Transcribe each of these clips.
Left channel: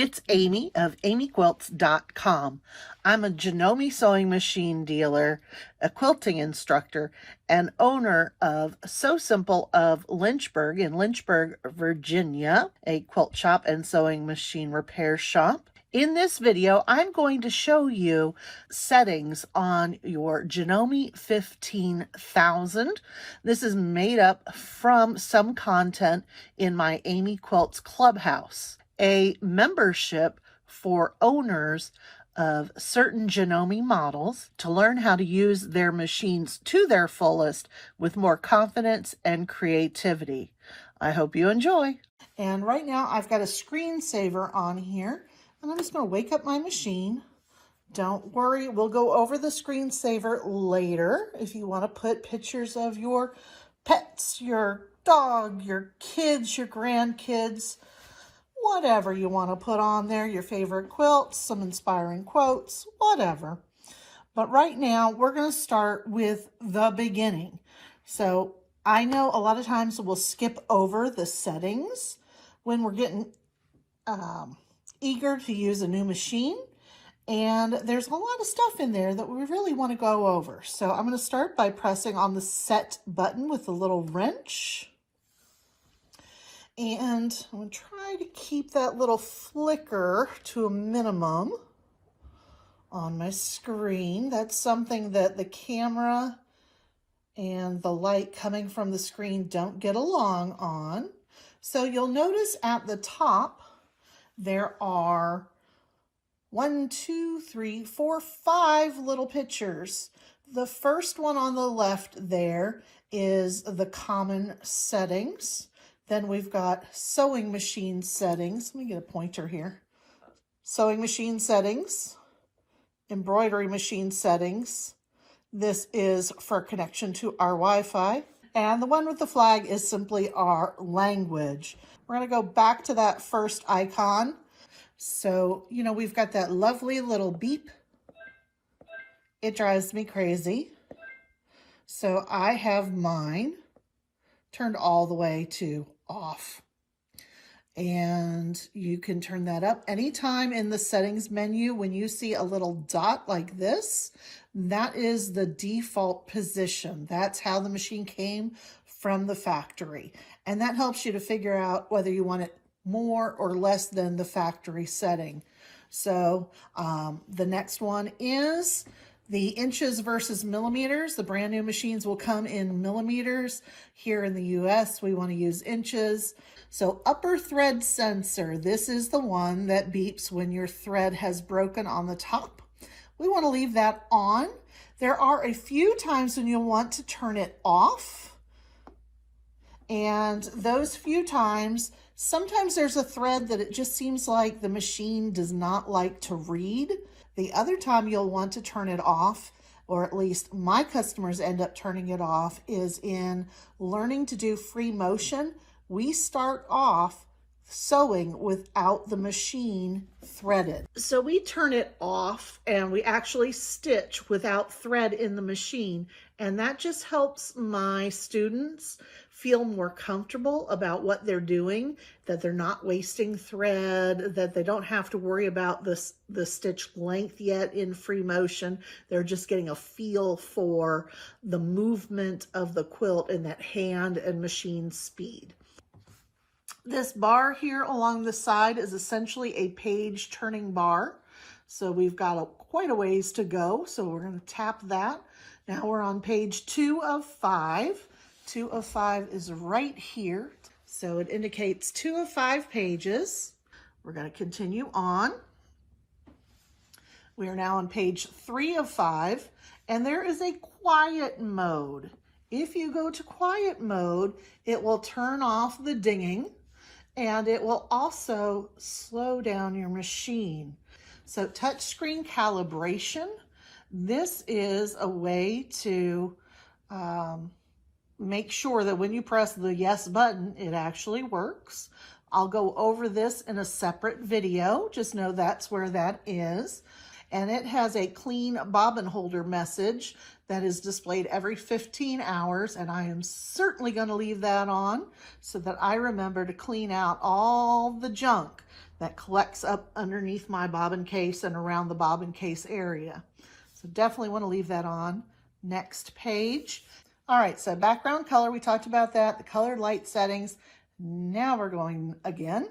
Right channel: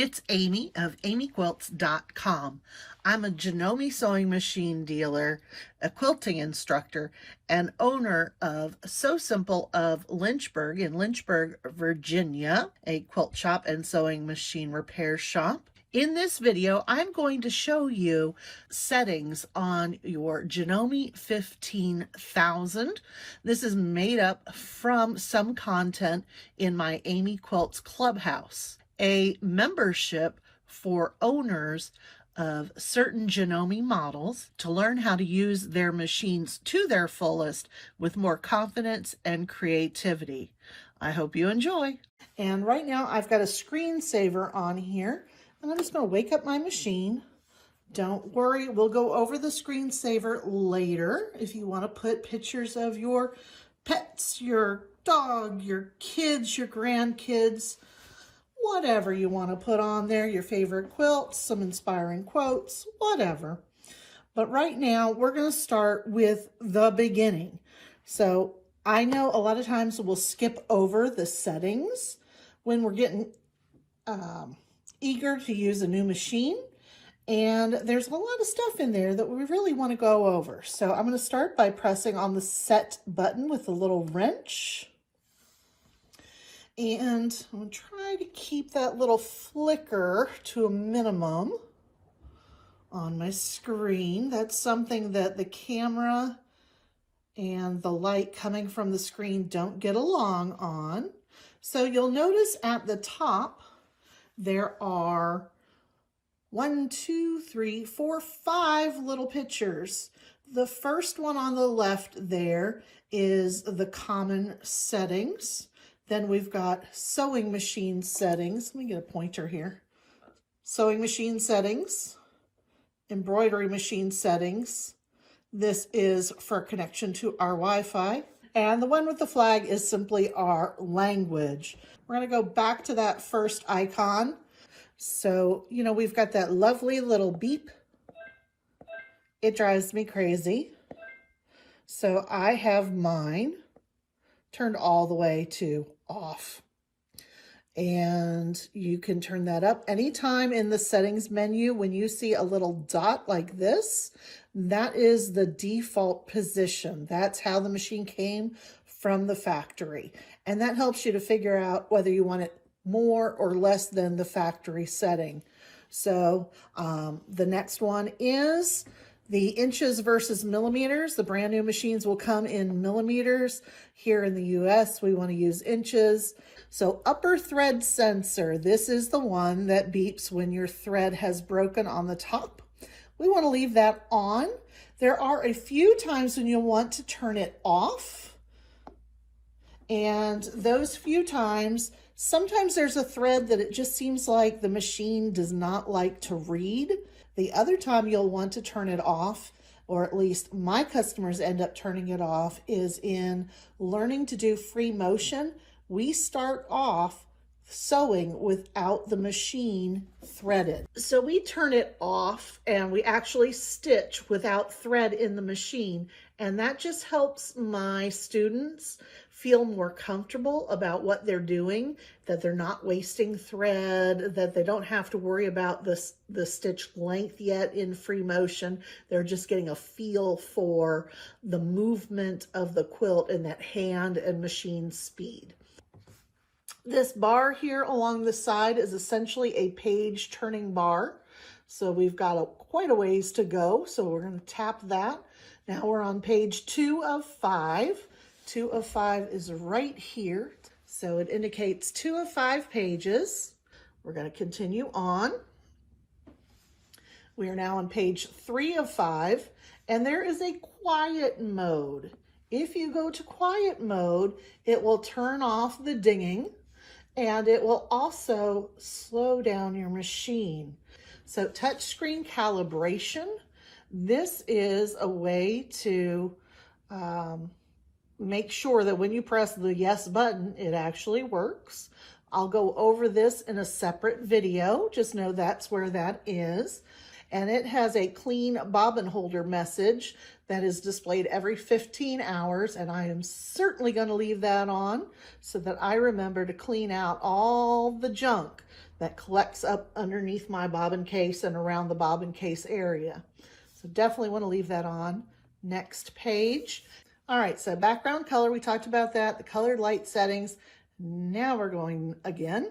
It's Amy of AmyQuilts.com. I'm a Janome sewing machine dealer, a quilting instructor, and owner of Sew Simple of Lynchburg in Lynchburg, Virginia, a quilt shop and sewing machine repair shop. In this video, I'm going to show you settings on your Janome 15,000. This is made up from some content in my AmyQuilts Clubhouse, a membership for owners of certain Janome models to learn how to use their machines to their fullest with more confidence and creativity. I hope you enjoy. And right now I've got a screensaver on here. And I'm just going to wake up my machine. Don't worry, we'll go over the screensaver later. If you want to put pictures of your pets, your dog, your kids, your grandkids, whatever you want to put on there, your favorite quilts, some inspiring quotes, whatever. But right now, we're going to start with the beginning. So I know a lot of times we'll skip over the settings when we're getting eager to use a new machine, and there's a lot of stuff in there that we really want to go over. So I'm going to start by pressing on the set button with the little wrench, and I'm going to try to keep that little flicker to a minimum on my screen. That's something that the camera and the light coming from the screen don't get along on. So you'll notice at the top there are 5 little pictures. The first one on the left there is the common settings. Then we've got sewing machine settings. Let me get a pointer here. Sewing machine settings, embroidery machine settings. This is for connection to our Wi-Fi. And the one with the flag is simply our language. We're going to go back to that first icon. So, you know, we've got that lovely little beep. It drives me crazy. So I have mine turned all the way to off. And you can turn that up anytime in the settings menu. When you see a little dot like this, that is the default position. That's how the machine came from the factory. And that helps you to figure out whether you want it more or less than the factory setting. So the next one is the inches versus millimeters. The brand new machines will come in millimeters. Here in the US, we want to use inches. So upper thread sensor, this is the one that beeps when your thread has broken on the top. We want to leave that on. There are a few times when you'll want to turn it off. And those few times, sometimes there's a thread that it just seems like the machine does not like to read. The other time you'll want to turn it off, or at least my customers end up turning it off, is in learning to do free motion. We start off sewing without the machine threaded. So we turn it off and we actually stitch without thread in the machine. And that just helps my students feel more comfortable about what they're doing, that they're not wasting thread, that they don't have to worry about the stitch length yet in free motion. They're just getting a feel for the movement of the quilt and that hand and machine speed. This bar here along the side is essentially a page turning bar. So we've got quite a ways to go. So we're going to tap that. Now we're on page 2 of 5. 2 of 5 is right here. So it indicates 2 of 5 pages. We're going to continue on. We are now on page 3 of 5, and there is a quiet mode. If you go to quiet mode, it will turn off the dinging, and it will also slow down your machine. So touchscreen calibration, this is a way to make sure that when you press the yes button, it actually works. I'll go over this in a separate video. Just know that's where that is. And it has a clean bobbin holder message that is displayed every 15 hours. And I am certainly going to leave that on so that I remember to clean out all the junk that collects up underneath my bobbin case and around the bobbin case area. So definitely want to leave that on. Next page. All right, so background color, we talked about that, the colored light settings. Now we're going again.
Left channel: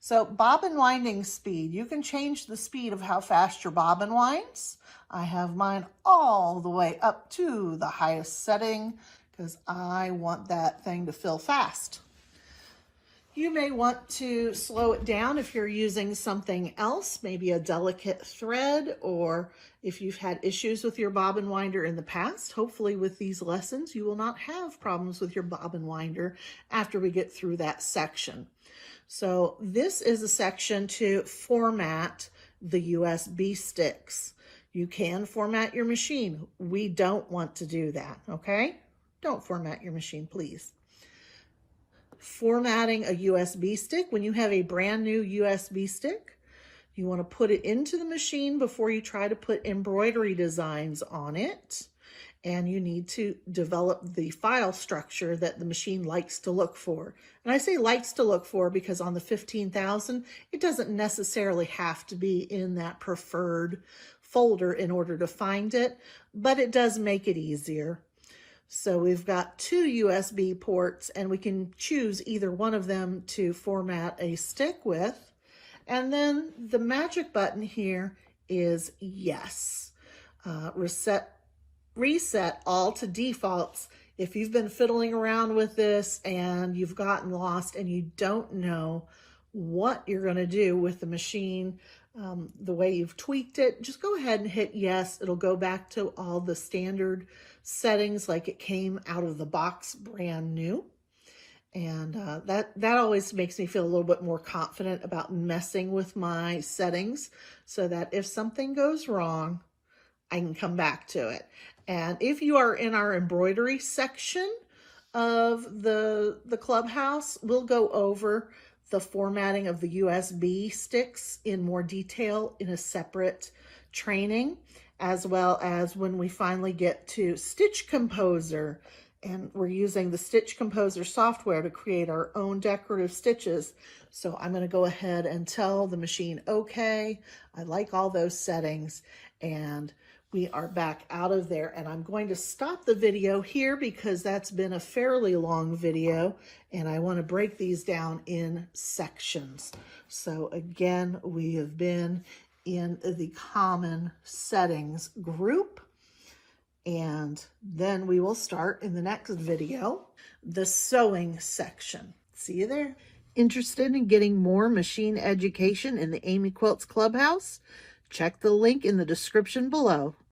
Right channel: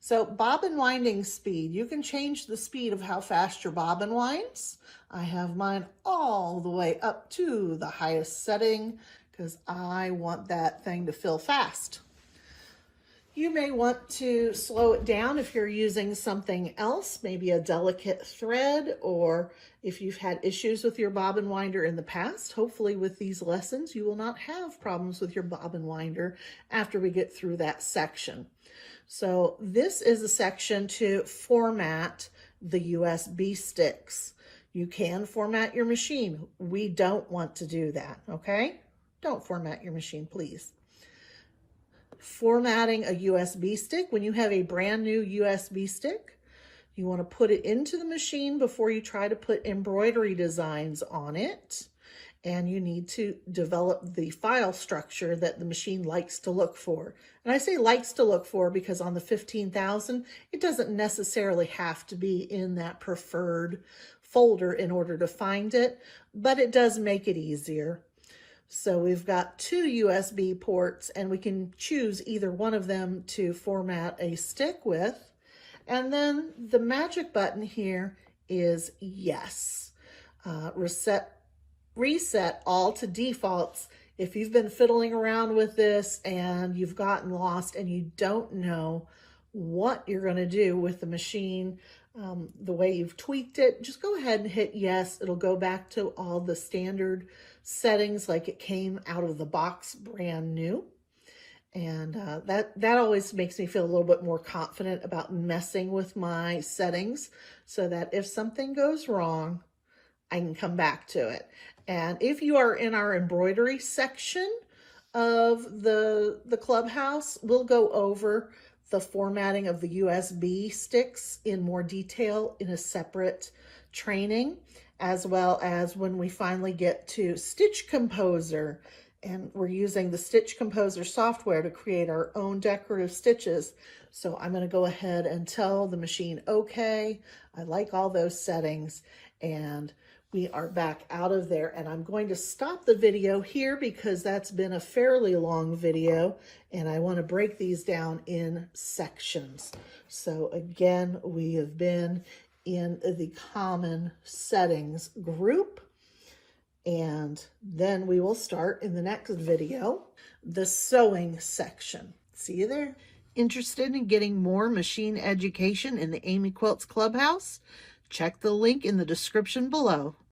So bobbin winding speed, you can change the speed of how fast your bobbin winds. I have mine all the way up to the highest setting because I want that thing to fill fast. You may want to slow it down if you're using something else, maybe a delicate thread, or if you've had issues with your bobbin winder in the past. Hopefully with these lessons, you will not have problems with your bobbin winder after we get through that section. So this is a section to format the USB sticks. You can format your machine. We don't want to do that, okay? Don't format your machine, please. Formatting a USB stick. When you have a brand new USB stick, you want to put it into the machine before you try to put embroidery designs on it. And you need to develop the file structure that the machine likes to look for. And I say likes to look for because on the 15,000, it doesn't necessarily have to be in that preferred folder in order to find it, but it does make it easier. So we've got 2 USB ports and we can choose either one of them to format a stick with. And then the magic button here is yes. Reset all to defaults. If you've been fiddling around with this and you've gotten lost and you don't know what you're going to do with the machine, the way you've tweaked it, just go ahead and hit yes. It'll go back to all the standard settings like it came out of the box brand new. And that always makes me feel a little bit more confident about messing with my settings so that if something goes wrong, I can come back to it. And if you are in our embroidery section of the clubhouse, we'll go over the formatting of the USB sticks in more detail in a separate training, as well as when we finally get to Stitch Composer. And we're using the Stitch Composer software to create our own decorative stitches. So I'm going to go ahead and tell the machine, okay, I like all those settings, and we are back out of there. And I'm going to stop the video here because that's been a fairly long video and I want to break these down in sections. So again, we have been in the common settings group, and then we will start in the next video, the sewing section. See you there. Interested in getting more machine education in the AmyQuilts Clubhouse? Check the link in the description below.